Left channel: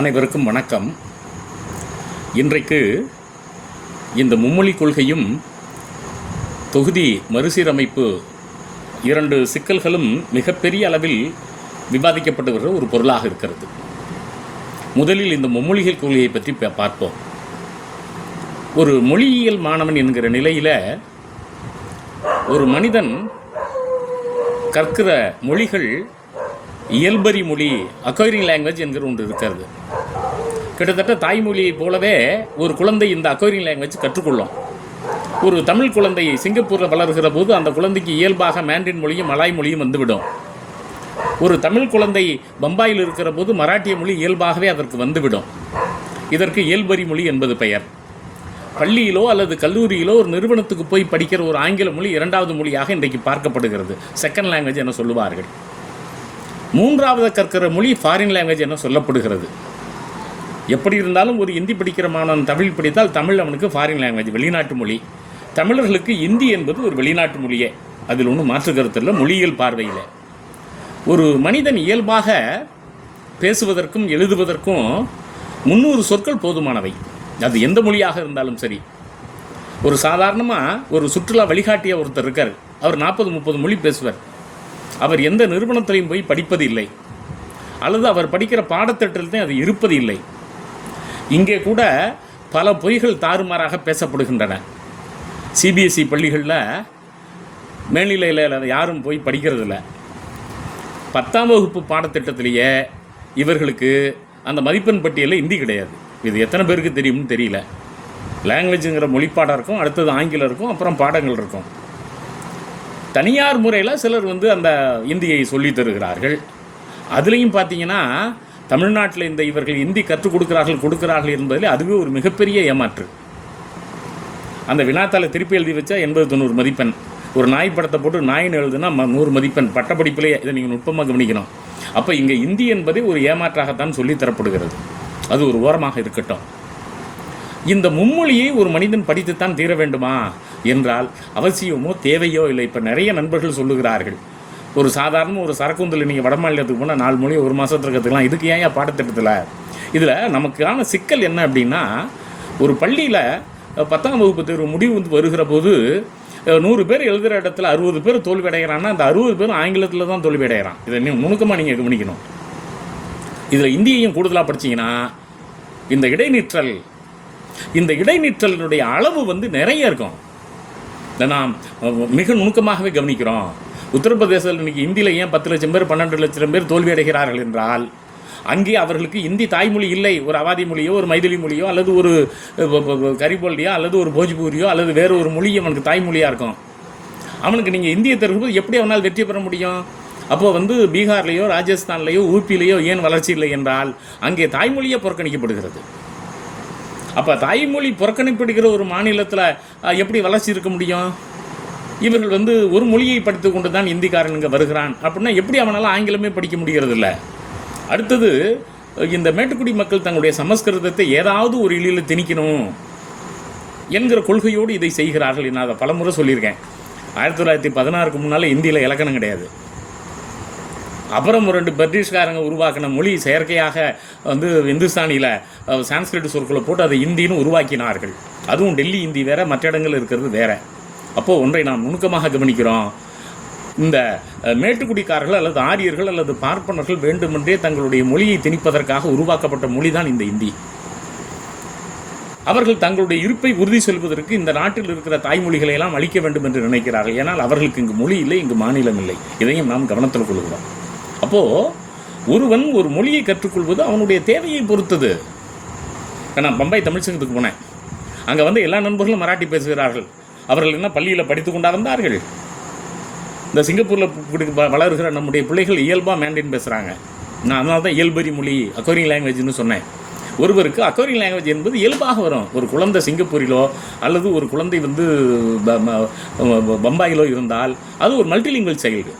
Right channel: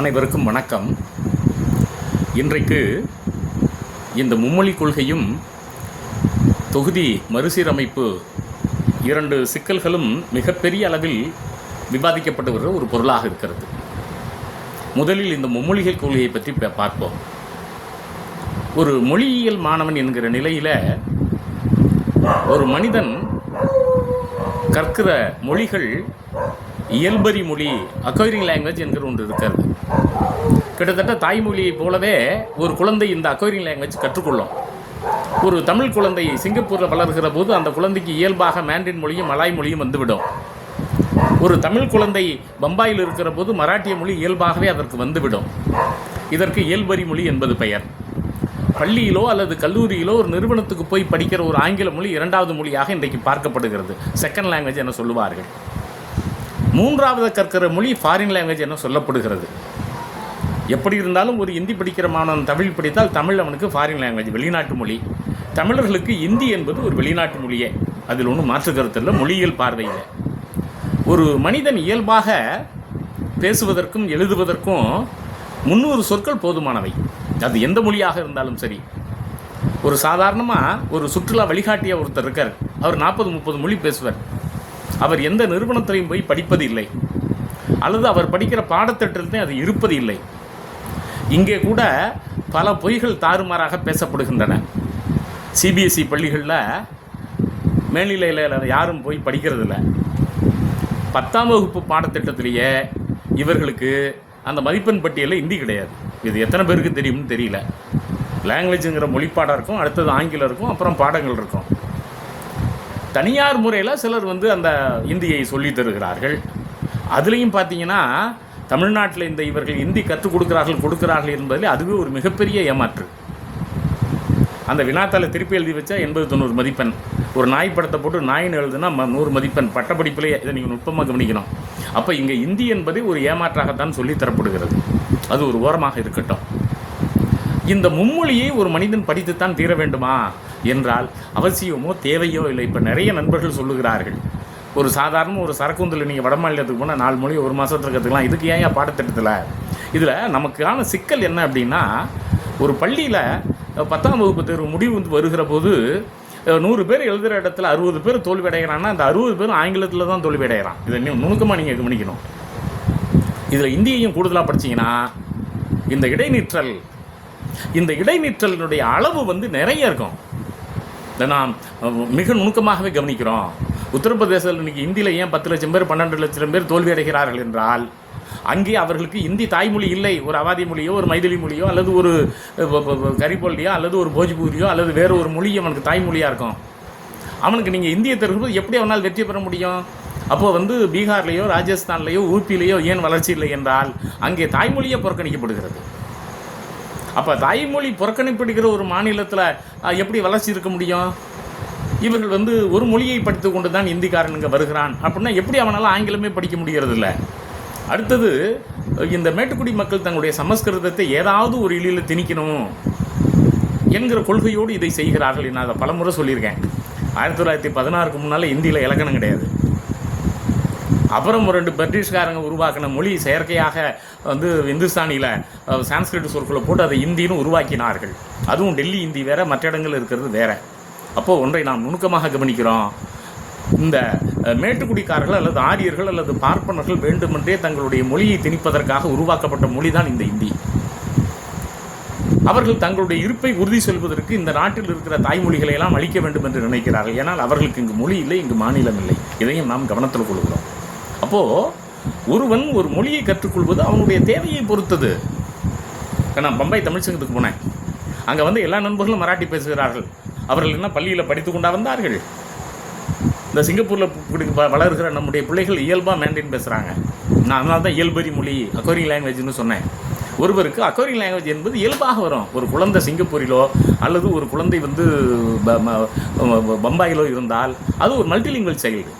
அனைவருக்கும் வணக்கம். இன்றைக்கு இந்த மும்மொழி கொள்கையும் தொகுதி மறுசீரமைப்பு இரண்டு சிக்கல்களும் மிகப்பெரிய அளவில் விவாதிக்கப்பட்டு வருகிற ஒரு பொருளாக இருக்கிறது. முதலில் இந்த மும்மொழிகள் கொள்கையை பற்றி பார்ப்போம். ஒரு மொழியியல் மாணவன் என்கிற நிலையில் ஒரு மனிதன் கற்கிற மொழிகள் இயல்பறி மொழி, அக்வைரிங் லாங்குவேஜ் என்கிற ஒன்று இருக்கிறது. கிட்டத்தட்ட தாய்மொழியை போலவே ஒரு குழந்தை இந்த அக்வைரிங் லாங்குவேஜ் கற்றுக்கொள்ளும். ஒரு தமிழ் குழந்தை சிங்கப்பூரில் வளர்கிற போது அந்த குழந்தைக்கு இயல்பாக மேண்ட்ரின் மொழியும் மலாய் மொழியும் வந்துவிடும். ஒரு தமிழ் குழந்தை பம்பாயில் இருக்கிற போது மராட்டிய மொழி இயல்பாகவே அதற்கு வந்துவிடும். இதற்கு இயல்பறி மொழி என்பது பெயர். பள்ளியிலோ அல்லது கல்லூரியிலோ ஒரு நிறுவனத்துக்கு போய் படிக்கிற ஒரு ஆங்கில மொழி இரண்டாவது மொழியாக இன்றைக்கு பார்க்கப்படுகிறது. செகண்ட் லாங்குவேஜ் என சொல்லுவார்கள். மூன்றாவது கற்கிற மொழி ஃபாரின் லாங்குவேஜ் என சொல்லப்படுகிறது. எப்படி இருந்தாலும் ஒரு இந்தி படிக்கிற மாணவன் தமிழ் படித்தால் தமிழ் அவனுக்கு ஃபாரின் லாங்குவேஜ், வெளிநாட்டு மொழி. தமிழர்களுக்கு இந்தி என்பது ஒரு வெளிநாட்டு மொழியே, அதில் ஒன்றும் மாற்று கருத்து இல்லை. மொழியியல் பார்வையில் ஒரு மனிதன் இயல்பாக பேசுவதற்கும் எழுதுவதற்கும் 300 சொற்கள் போதுமானவை. அது எந்த மொழியாக இருந்தாலும் சரி. ஒரு சாதாரணமாக ஒரு சுற்றுலா வழிகாட்டிய ஒருத்தர் இருக்கார். அவர் 40-30 மொழி பேசுவார். அவர் எந்த நிறுவனத்திலையும் போய் படிப்பது இல்லை, அல்லது அவர் படிக்கிற பாடத்திட்டத்தில் அது இருப்பது இல்லை. இங்கே கூட பல பொய்கள் தாறுமாறாக பேசப்படுகின்றன. சிபிஎஸ்இ பள்ளிகளில் மேல்நிலையில் யாரும் போய் படிக்கிறதில்ல. 10ஆம் வகுப்பு பாடத்திட்டத்திலேயே இவர்களுக்கு அந்த மதிப்பெண் பட்டியலில் இந்தி கிடையாது. இது எத்தனை பேருக்கு தெரியும்னு தெரியல. லாங்குவேஜுங்கிற மொழிப்பாடம் இருக்கும், அடுத்தது ஆங்கிலம் இருக்கும், அப்புறம் பாடங்கள் இருக்கும். தனியார் முறையில் சிலர் அந்த இந்தியை சொல்லித் தருகிறார்கள். அதுலேயும் பார்த்தீங்கன்னா தமிழ்நாட்டில் இவர்கள் இந்தி கற்றுக் கொடுக்கிறார்கள் என்பதில் அதுவே ஒரு மிகப்பெரிய ஏமாற்று. அந்த வினாத்தாளை திருப்பி எழுதி வச்சா 80-90 மதிப்பெண். ஒரு நாய் படத்தை போட்டு நாயின்னு எழுதுனா 100 மதிப்பெண். பட்டப்படிப்பிலே இதை நீங்கள் நுட்பமாக கவனிக்கணும். அப்போ இங்கே இந்தி என்பதே ஒரு ஏமாற்றாகத்தான் சொல்லித்தரப்படுகிறது. அது ஒரு ஓரமாக இருக்கட்டும். இந்த மும்மொழியை ஒரு மனிதன் படித்துத்தான் தீர வேண்டுமா என்றால் அவசியமோ தேவையோ இல்லை. இப்போ நிறைய நண்பர்கள் சொல்லுகிறார்கள், ஒரு சாதாரண ஒரு சரக்குந்தில் நீங்கள் வட மாநிலத்துக்கு போனால் 4 மொழி 1 மாதத்துக்கு கற்றுக்கலாம். இதுக்கு ஏன் பாடத்திட்டத்தில்? இதில் நமக்கான சிக்கல் என்ன அப்படின்னா, ஒரு பள்ளியில் 10ஆம் வகுப்பு தேர்வு முடிவு வருகிற போது 100 பேர் எழுதுகிற இடத்துல 60 பேர் தோல்வி அடைகிறான்னா அந்த 60 பேரும் ஆங்கிலத்தில் தான் தோல்வி அடைகிறான். இதை நுணுக்கமாக நீங்கள் கவனிக்கணும். இதில் இந்தியையும் கூடுதலாக படிச்சிங்கன்னா இந்த இடைநிற்றலினுடைய அளவு நிறைய இருக்கும். இதை நாம் மிக நுணுக்கமாகவே கவனிக்கிறோம். உத்தரப்பிரதேசத்தில் இன்றைக்கி இந்தியில் ஏன் 10 லட்சம் பேர் 12 லட்சம் பேர் தோல்வி அடைகிறார்கள் என்றால், அங்கே அவர்களுக்கு இந்தி தாய்மொழி இல்லை. ஒரு அவாதி மொழியோ, ஒரு மைதிலி மொழியோ, அல்லது ஒரு கரிபோலியோ, அல்லது ஒரு போஜ்பூரியோ, அல்லது வேறு ஒரு மொழி அவனுக்கு தாய்மொழியாக இருக்கும். அவனுக்கு நீங்கள் இந்தியை தரும்போது எப்படி அவனால் வெற்றி பெற முடியும்? அப்போது பீகார்லேயோ, ராஜஸ்தான்லேயோ, ஊபிலேயோ ஏன் வளர்ச்சி இல்லை என்றால் அங்கே தாய்மொழியே புறக்கணிக்கப்படுகிறது. அப்போ தாய்மொழி புறக்கணிப்படுகிற ஒரு மாநிலத்தில் எப்படி வளர்ச்சி இருக்க முடியும்? இவர்கள் ஒரு மொழியை படித்து கொண்டு தான் இந்திக்காரன் இங்கே வருகிறான் அப்படின்னா எப்படி அவனால் ஆங்கிலமே படிக்க முடிகிறது இல்லை? அடுத்தது, இந்த மேட்டுக்குடி மக்கள் தங்களுடைய சமஸ்கிருதத்தை ஏதாவது ஒரு இழியில் திணிக்கணும் என்கிற கொள்கையோடு இதை செய்கிறார்கள். நான் அதை பலமுறை சொல்லியிருக்கேன். 1916க்கு முன்னால் இந்தியில் இலக்கணம் கிடையாது. அப்புறம் 2 பிரிட்டிஷ்காரங்க உருவாக்கின மொழி செயற்கையாக இந்துஸ்தானியில் சான்ஸ்கிரிட் சொற்களை போட்டு அதை இந்தின்னு உருவாக்கினார்கள். அதுவும் டெல்லி இந்தி வேறு, மற்ற இடங்கள் இருக்கிறது வேறு. அப்போது ஒன்றை நாம் நுணுக்கமாக கவனிக்கிறோம். இந்த மேட்டுக்குடிக்காரர்கள் அல்லது ஆரியர்கள் அல்லது பார்ப்பனர்கள் வேண்டுமென்றே தங்களுடைய மொழியை திணிப்பதற்காக உருவாக்கப்பட்ட மொழி தான் இந்த இந்தி. அவர்கள் தங்களுடைய இருப்பை உறுதி சொல்வதற்கு இந்த நாட்டில் இருக்கிற தாய்மொழிகளை எல்லாம் அழிக்க வேண்டும் என்று நினைக்கிறார்கள். ஏன்னால் அவர்களுக்கு இங்கு மொழி இல்லை, இங்கு மாநிலம் இல்லை. இதையும் நாம் கவனத்தில் கொள்கிறோம். அப்போது ஒருவன் ஒரு மொழியை கற்றுக்கொள்வது அவனுடைய தேவையை பொறுத்தது. நான் பம்பாய் தமிழ் சங்கத்துக்கு போனேன். அங்கே எல்லா நண்பர்களும் மராட்டி பேசுகிறார்கள். அவர்கள் என்ன பள்ளியில் படித்து கொண்டா வந்தார்கள்? இந்த சிங்கப்பூரில் வளர்கிற நம்முடைய பிள்ளைகள் இயல்பாக மேண்ட்ரின் பேசுகிறாங்க. நான் அதனால தான் இயல்பறி மொழி, அக்வைரிங் லாங்குவேஜ்னு சொன்னேன். ஒருவருக்கு அக்வைரிங் லாங்குவேஜ் என்பது இயல்பாக வரும். ஒரு குழந்தை சிங்கப்பூரிலோ அல்லது ஒரு குழந்தை பம்பாயிலோ இருந்தால் அது ஒரு மல்டிலிங்குவல் சைல்டு.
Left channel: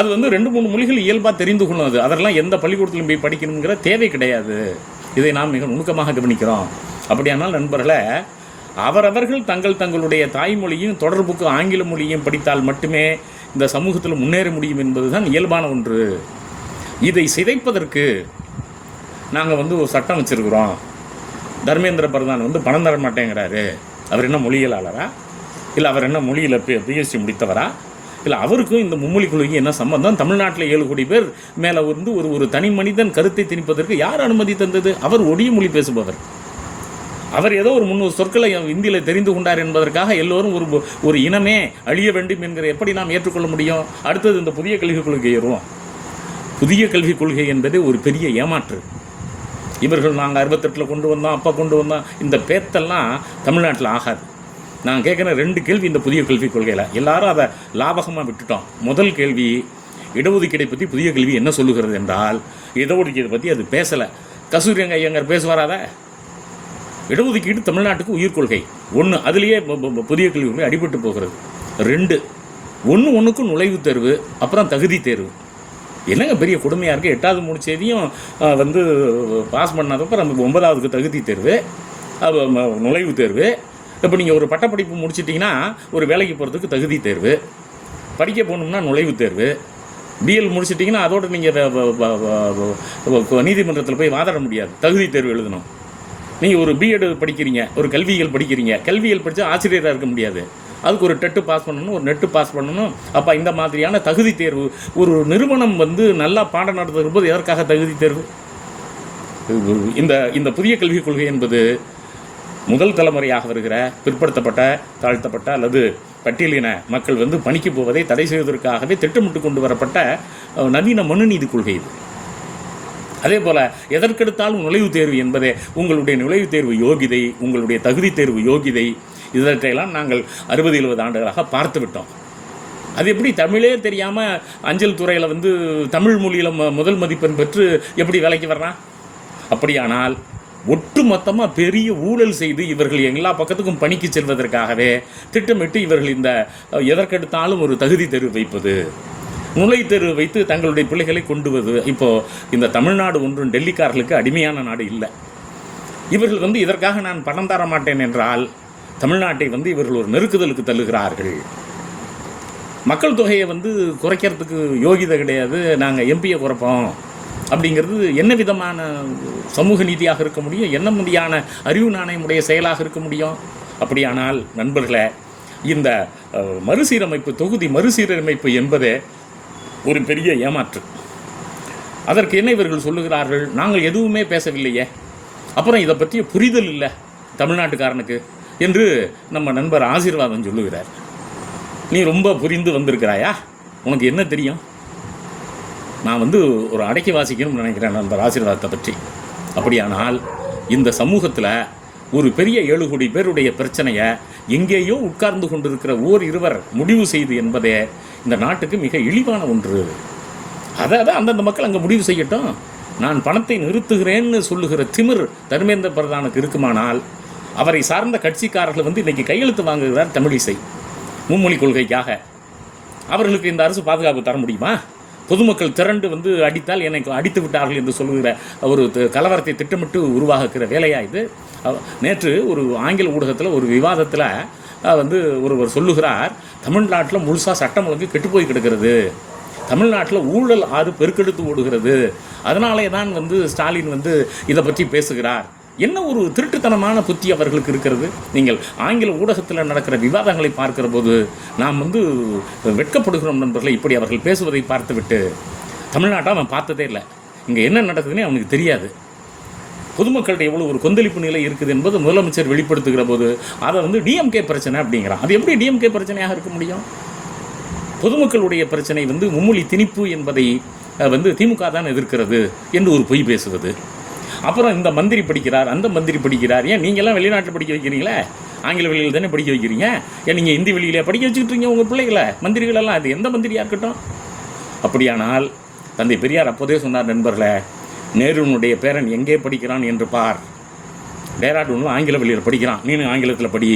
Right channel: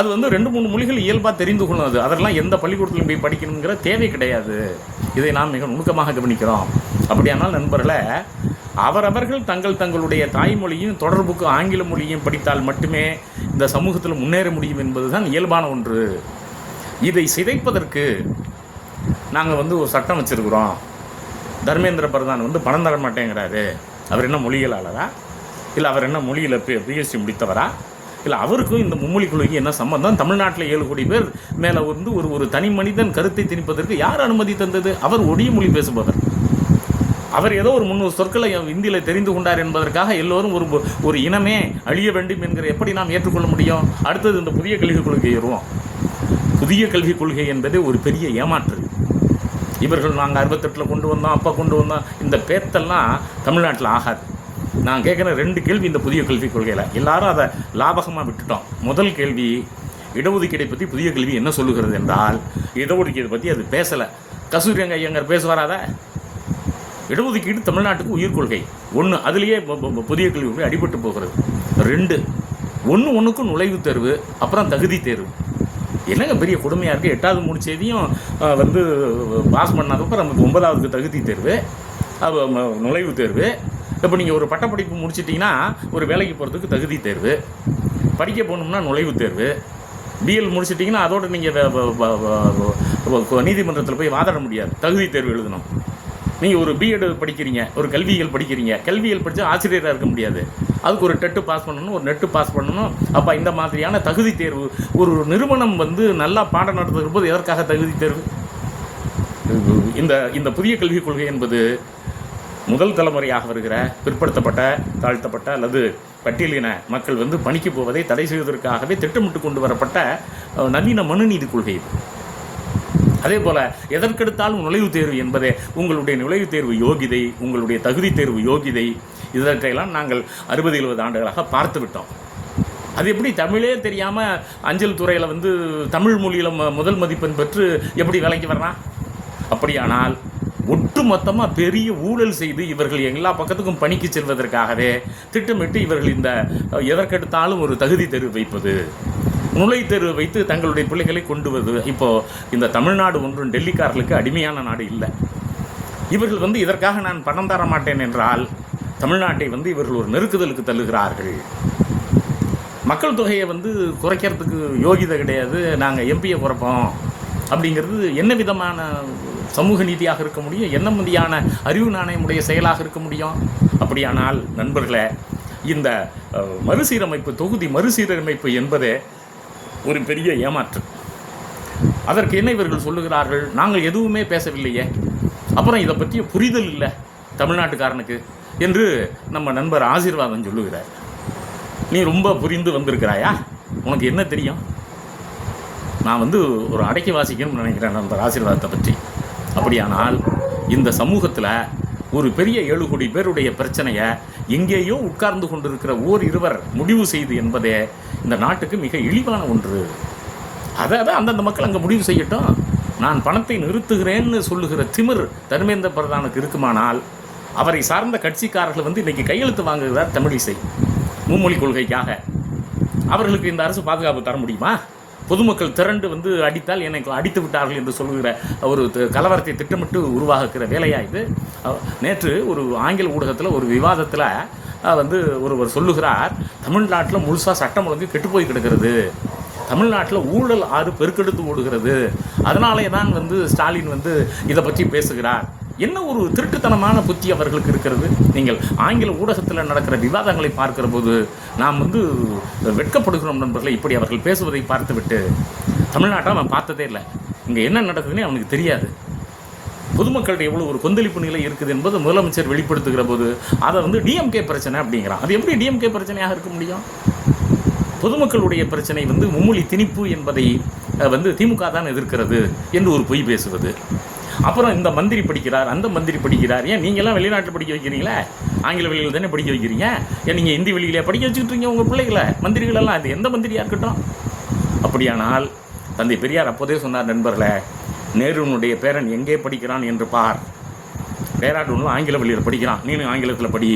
அது 2-3 மொழிகள் இயல்பாக தெரிந்து கொள்ளும். அதெல்லாம் எந்த பள்ளிக்கூடத்திலும் போய் படிக்கணுங்கிற தேவை கிடையாது. இதை நாம் மிக நுணுக்கமாக கவனிக்கிறோம். அப்படியானால் நண்பர்களே, அவரவர்கள் தங்களுடைய தாய்மொழியும் தொடர்புக்கு ஆங்கில மொழியும் படித்தால் மட்டுமே இந்த சமூகத்தில் முன்னேற முடியும் என்பதுதான் இயல்பான ஒன்று. இதை சிதைப்பதற்கு நாங்கள் வந்து ஒரு சட்டம் வச்சுருக்குறோம், தர்மேந்திர பிரதான் வந்து பணம் தர மாட்டேங்கிறாரு, அவர் என்ன மொழியியலாளரா, இல்லை அவர் என்ன மொழியில் பிஎஸ்சி முடித்தவரா, இல்லை அவருக்கும் இந்த மும்மொழி கொள்கைக்கு என்ன சம்பந்தம்? தமிழ்நாட்டில் 7 கோடி பேர் மேலே வந்து ஒரு தனி மனிதன் கருத்தை திணிப்பதற்கு யார் அனுமதி தந்தது? அவர் ஒடிய மொழி பேசுபவர். அவர் ஏதோ ஒரு 300 சொற்களை இந்தியில் தெரிந்து கொண்டார் என்பதற்காக எல்லோரும் ஒரு இனமே அழிய வேண்டும் என்கிற எப்படி நாம் ஏற்றுக்கொள்ள முடியும்? அடுத்தது இந்த புதிய கல்விக் கொள்கை ஏறுவோம். புதிய கல்விக் கொள்கை என்பது ஒரு பெரிய ஏமாற்று. இவர்கள் நாங்கள் 68 கொண்டு வந்தோம், அப்போ கொண்டு வந்தோம், இந்த பேத்தெல்லாம் தமிழ்நாட்டில் ஆகாது. நான் கேட்குறேன் 2 கேள்வி இந்த புதிய கல்விக் கொள்கையில். எல்லாரும் அதை லாபகமாக விட்டுட்டோம். முதல் கேள்வி, இடஒதுக்கீடை பற்றி புதிய கல்வி என்ன சொல்லுகிறது என்றால், இடஒதுக்கீடை பற்றி அது பேசலை. கஸ்தூரி ஐயங்கார் பேசுவாராத? இடஒதுக்கீடு தமிழ்நாட்டுக்கு உயிர் கொள்கை. 1, அதுலேயே புதிய கல்வி கொள்கை அடிபட்டு போகிறது. 2, ஒன்றுக்கும் நுழைவுத் தேர்வு, அப்புறம் தகுதி தேர்வு. என்னங்க பெரிய கொடுமையாக இருக்குது? 8வது முடிச்சதையும் வந்து பாஸ் பண்ணாதப்போ நமக்கு 9வதுக்கு தகுதி தேர்வு, நுழைவுத் தேர்வு. இப்போ நீங்கள் ஒரு பட்டப்படிப்பு முடிச்சிட்டிங்கன்னா ஒரு வேலைக்கு போகிறதுக்கு தகுதி தேர்வு, படிக்க போகணும்னா நுழைவுத் தேர்வு, பிஎல் முடிச்சிட்டிங்கன்னா அதோடு நீங்கள் நீதிமன்றத்தில் போய் வாதாட முடியாது, தகுதி தேர்வு எழுதணும். நீங்கள் ஒரு பிஎட் படிக்கிறீங்க, ஒரு கல்வியியல் படிக்கிறீங்க, கல்வியியல் படித்தா ஆசிரியராக இருக்க முடியாது, அதுக்கு ஒரு டெட்டு பாஸ் பண்ணணும், ஒரு நெட்டு பாஸ் பண்ணணும். அப்போ இந்த மாதிரியான தகுதி தேர்வு, ஒரு நிறுவனம் வந்து நல்லா பாடம் நடத்துகிற போது எதற்காக தகுதி தேர்வு? இந்த புதிய கல்விக் கொள்கை என்பது முதல் தலைமுறையாக வருகிற பிற்படுத்தப்பட்ட, தாழ்த்தப்பட்ட அல்லது பட்டியலின மக்கள் வந்து பணிக்கு போவதை தடை செய்வதற்காகவே திட்டமிட்டு கொண்டு வரப்பட்ட நவீன மனுநீதி கொள்கை. அதே போல் எதற்கெடுத்தாலும் நுழைவுத் தேர்வு என்பதே உங்களுடைய நுழைவுத் தேர்வு யோகிதை, உங்களுடைய தகுதி தேர்வு யோகிதை, இதற்றையெல்லாம் நாங்கள் 60-70 ஆண்டுகளாக பார்த்து விட்டோம். அது எப்படி தமிழே தெரியாமல் அஞ்சல் துறையில் வந்து தமிழ் மொழியில் முதல் மதிப்பெண் பெற்று எப்படி வேலைக்கு வர்றான்? அப்படியானால் ஒட்டு மொத்தமாக பெரிய ஊழல் செய்து இவர்கள் எல்லா பக்கத்துக்கும் பணிக்கு செல்வதற்காகவே திட்டமிட்டு இவர்கள் இந்த எதற்கெடுத்தாலும் ஒரு தகுதி தேர்வு வைப்பது, நுழைவுத் தேர்வு வைத்து தங்களுடைய பிள்ளைகளை கொண்டு வருவது. இப்போது இந்த தமிழ்நாடு ஒன்றும் டெல்லிக்காரர்களுக்கு அடிமையான நாடு இல்லை. இவர்கள் வந்து இதற்காக நான் பணம் தர மாட்டேன் என்றால் தமிழ்நாட்டை வந்து இவர்கள் ஒரு நெருக்குதலுக்கு தள்ளுகிறார்கள். மக்கள் தொகையை வந்து குறைக்கிறதுக்கு யோகிதை கிடையாது, நாங்கள் எம்பியை குறைப்போம் அப்படிங்கிறது என்ன விதமான சமூக நீதியாக இருக்க முடியும்? என்ன மாதிரியான அறிவு நாணயமுடைய செயலாக இருக்க முடியும்? அப்படியானால் நண்பர்களே, இந்த மறுசீரமைப்பு, தொகுதி மறுசீரமைப்பு என்பதே ஒரு பெரிய ஏமாற்று. அதற்கு என்ன இவர்கள் சொல்லுகிறார்கள்? நாங்கள் எதுவுமே பேசவில்லையே, அப்புறம் இதை பற்றிய புரிதல் இல்லை தமிழ்நாட்டுக்காரனுக்கு என்று நம்ம நண்பர் ஆசீர்வாதம் சொல்லுகிறார். நீ ரொம்ப புரிந்து வந்திருக்கிறாயா? உனக்கு என்ன தெரியும்? நான் வந்து ஒரு அடக்கி வாசிக்கணும்னு நினைக்கிறேன் நண்பர் ஆசீர்வாதத்தை பற்றி. அப்படியானால் இந்த சமூகத்தில் ஒரு பெரிய 7 கோடி பேருடைய பிரச்சனையை எங்கேயோ உட்கார்ந்து கொண்டிருக்கிற இருவர் முடிவு செய்து என்பதே இந்த நாட்டுக்கு மிக இழிவான ஒன்று. அதாவது அந்தந்த மக்கள் அங்கே முடிவு செய்யட்டும். நான் பணத்தை நிறுத்துகிறேன்னு சொல்லுகிற திமிர் தர்மேந்திர பிரதானுக்கு இருக்குமானால் அவரை சார்ந்த கட்சிக்காரர்கள் வந்து இன்றைக்கி கையெழுத்து வாங்குகிறார் தமிழிசை மும்மொழி கொள்கைக்காக. அவர்களுக்கு இந்த அரசு பாதுகாப்பு தர முடியுமா? பொதுமக்கள் திரண்டு வந்து அடித்தால் என்னை அடித்து விட்டார்கள் என்று சொல்லுகிற ஒரு கலவரத்தை திட்டமிட்டு உருவாக்குகிற வேலையா இது? நேற்று ஒரு ஆங்கில ஊடகத்தில் ஒரு விவாதத்தில் வந்து ஒருவர் சொல்லுகிறார், தமிழ்நாட்டில் முழுசாக சட்டம் ஒழுங்கு கெட்டுப்போய் கிடக்கிறது, தமிழ்நாட்டில் ஊழல் பெருக்கெடுத்து ஓடுகிறது, அதனாலே தான் வந்து ஸ்டாலின் வந்து இதை பற்றி பேசுகிறார். என்ன ஒரு திருட்டுத்தனமான புத்தி அவர்களுக்கு இருக்கிறது. நீங்கள் ஆங்கில ஊடகத்தில் நடக்கிற விவாதங்களை பார்க்கிற போது நாம் வந்து வெட்கப்படுகிறோம் நண்பர்களை. இப்படி அவர்கள் பேசுவதை பார்த்துவிட்டு தமிழ்நாட்டை அவன் பார்த்ததே இல்லை, இங்கே என்ன நடக்குதுன்னே அவனுக்கு தெரியாது. பொதுமக்களிடையே எவ்வளோ ஒரு கொந்தளிப்பு நிலை இருக்குது என்பது முதலமைச்சர் வெளிப்படுத்துகிற போது அதை வந்து டிஎம்கே பிரச்சனை அப்படிங்கிறான். அது எப்படி டிஎம்கே பிரச்சனையாக இருக்க முடியும்? பொதுமக்களுடைய பிரச்சனை வந்து மும்மொழி திணிப்பு என்பதை வந்து திமுக தான் எதிர்க்கிறது என்று ஒரு பொய் பேசுவது. அப்புறம் இந்த மந்திரி படிக்கிறார், அந்த மந்திரி படிக்கிறார். ஏன் நீங்கள்லாம் வெளிநாட்டில் படிக்க வைக்கிறீங்களே? ஆங்கில வழியில் தானே படிக்க வைக்கிறீங்க. ஏன் நீங்கள் இந்தி வழியிலே படிக்க வச்சுக்கிட்டீங்க உங்கள் பிள்ளைகளை? மந்திரிகளெல்லாம் அது எந்த மந்திரியாக இருக்கட்டும். அப்படியானால் தந்தை பெரியார் அப்போதே சொன்னார், நண்பர்களே, நேருனுடைய பேரன் எங்கே படிக்கிறான் என்று பார். டேராடூனில் ஆங்கில வழியில் படிக்கிறான், நீனும் ஆங்கிலத்தில் படி.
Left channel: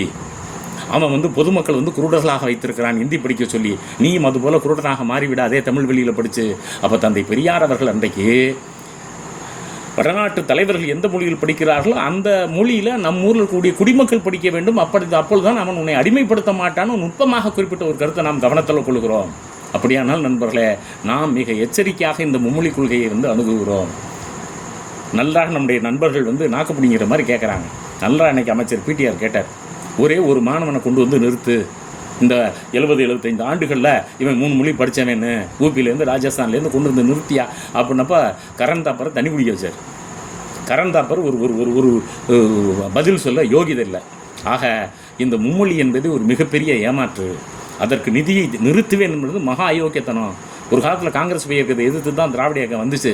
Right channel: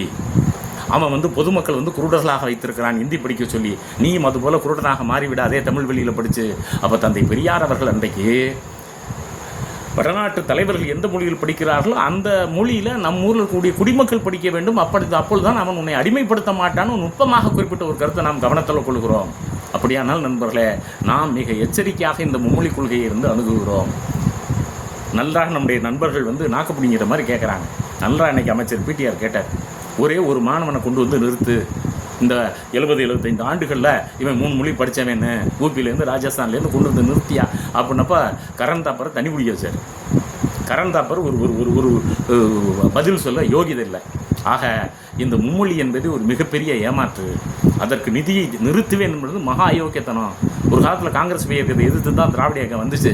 அவன் வந்து பொதுமக்கள் வந்து குருடர்களாக வைத்திருக்கிறான் இந்தி படிக்க சொல்லி, நீயும் அதுபோல் குருடனாக மாறிவிடாதே தமிழ் வழியில் படித்து. அப்போ தந்தை பெரியார் அவர்கள் அன்றைக்கு வடநாட்டு தலைவர்கள் எந்த மொழியில் படிக்கிறார்களோ அந்த மொழியில் நம் ஊரில் கூடிய குடிமக்கள் படிக்க வேண்டும். அப்பொழுதுதான் அவன் உன்னை அடிமைப்படுத்த மாட்டான்னு நுட்பமாக குறிப்பிட்ட ஒரு கருத்தை நாம் கவனத்தில் கொள்கிறோம். அப்படியானால் நண்பர்களே, நாம் மிக எச்சரிக்கையாக இந்த மும்மொழி கொள்கையை அணுகுகிறோம். நன்றாக நம்முடைய நண்பர்கள் வந்து நாக்கு பிடிங்கிற மாதிரி கேட்குறாங்க. நல்லா அன்னைக்கு அமைச்சர் பிடிஆர் கேட்டார், ஒரே ஒரு மாணவனை கொண்டு வந்து நிறுத்து, இந்த 70-75 ஆண்டுகளில் இவன் 3 மொழி படித்தவன்னு ஊபியிலேருந்து ராஜஸ்தான்லேருந்து கொண்டு வந்து நிறுத்தியா அப்படின்னப்ப கரண் தாப்பரை தண்ணி குடிக்க வச்சார். கரண் தாப்பர் ஒரு ஒரு ஒரு பதில் சொல்ல யோகிதை இல்லை. ஆக இந்த மும்மொழி என்பது ஒரு மிகப்பெரிய ஏமாற்று. அதற்கு நிதியை நிறுத்துவேன் என்பது மகா அயோக்கியத்தனம். ஒரு காலத்தில் காங்கிரஸ் இயக்கத்தை எதிர்த்து தான் திராவிட இயக்கம் வந்துச்சு.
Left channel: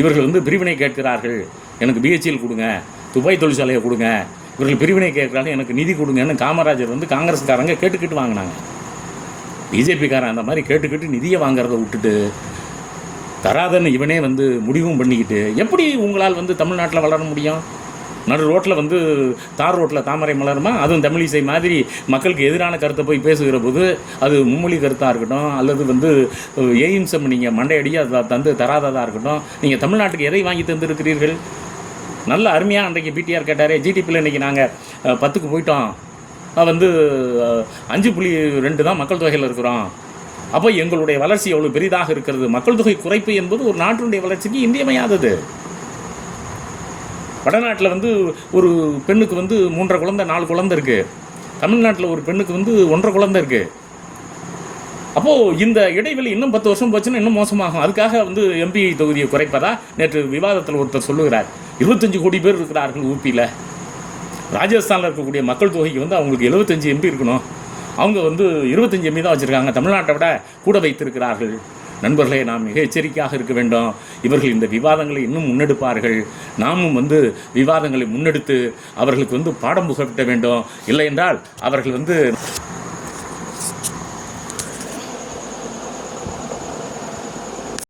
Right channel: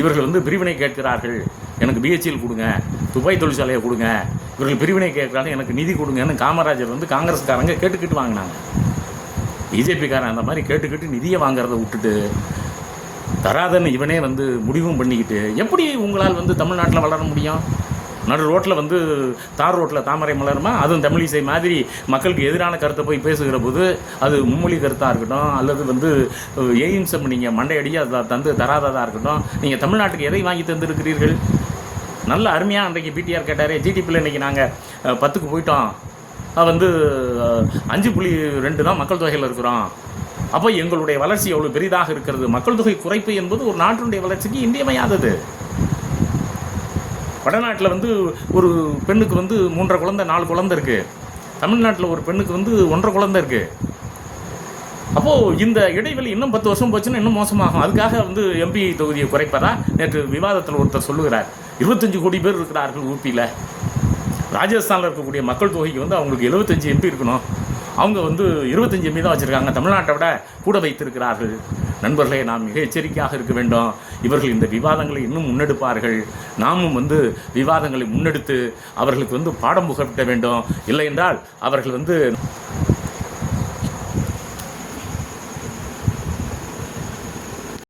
இவர்கள் வந்து பிரிவினை கேட்கிறார்கள், எனக்கு பிஹெச்எல் கொடுங்க, துபாய் தொழிற்சாலையை கொடுங்க, இவர்கள் பிரிவினை கேட்குறாங்க, எனக்கு நிதி கொடுங்கன்னு காமராஜர் வந்து காங்கிரஸ்காரங்க கேட்டுக்கிட்டு வாங்கினாங்க. பிஜேபிக்காரன் அந்த மாதிரி கேட்டுக்கிட்டு நிதியை வாங்குறதை விட்டுட்டு தராதன்னு இவனே வந்து முடிவும் பண்ணிக்கிட்டு எப்படி உங்களால் வந்து தமிழ்நாட்டில் வளர முடியும்? நடு ரோட்டில் வந்து தார் ரோட்டில் தாமரை மலருமா? அதுவும் தமிழிசை மாதிரி மக்களுக்கு எதிரான கருத்தை போய் பேசுகிற போது அது மும்மொழி கருத்தாக இருக்கட்டும், அல்லது வந்து எய்ம்ஸம் நீங்கள் மண்டையடியாக அதை தந்து தராததாக இருக்கட்டும், நீங்கள் தமிழ்நாட்டுக்கு எதை வாங்கி தந்துருக்கிறீர்கள்? நல்ல அருமையாக அன்றைக்கு பிடிஆர் கேட்டார். ஜிடிபியில் இன்றைக்கி நாங்கள் 10க்கு போயிட்டோம், வந்து 5.2 தான் மக்கள் தொகையில் இருக்கிறோம். அப்போ எங்களுடைய வளர்ச்சி எவ்வளோ பெரிதாக இருக்கிறது. மக்கள் தொகை குறைப்பு என்பது ஒரு நாட்டினுடைய வளர்ச்சிக்கு இன்றியமையாதது. வடநாட்டில் வந்து ஒரு பெண்ணுக்கு வந்து 3.5 குழந்தை 4 குழந்தை இருக்குது. தமிழ்நாட்டில் ஒரு பெண்ணுக்கு வந்து 1.5 குழந்தை இருக்குது. அப்போது இந்த இடைவெளி இன்னும் 10 வருஷம் போச்சுன்னா இன்னும் மோசமாகும். அதுக்காக வந்து எம்பி தொகுதியை குறைப்பதா? நேற்று விவாதத்தில் ஒருத்தர் சொல்லுகிறார், 25 கோடி பேர் இருக்கிறார்கள் ஊபியில். ராஜஸ்தானில் இருக்கக்கூடிய மக்கள் தொகைக்கு வந்து அவங்களுக்கு 75 எம்பி இருக்கணும், அவங்க வந்து 25 எம்பி தான் வச்சுருக்காங்க, தமிழ்நாட்டை விட கூட வைத்திருக்கிறார்கள். நண்பர்களே, நாம் மிக எச்சரிக்கையாக இருக்க வேண்டும். இவர்கள் இந்த விவாதங்களை இன்னும் முன்னெடுப்பார்கள். நாமும் வந்து விவாதங்களை முன்னெடுத்து அவர்களுக்கு வந்து பாடம் புகட்ட வேண்டும். இல்லை என்றால் அவர்கள் வந்து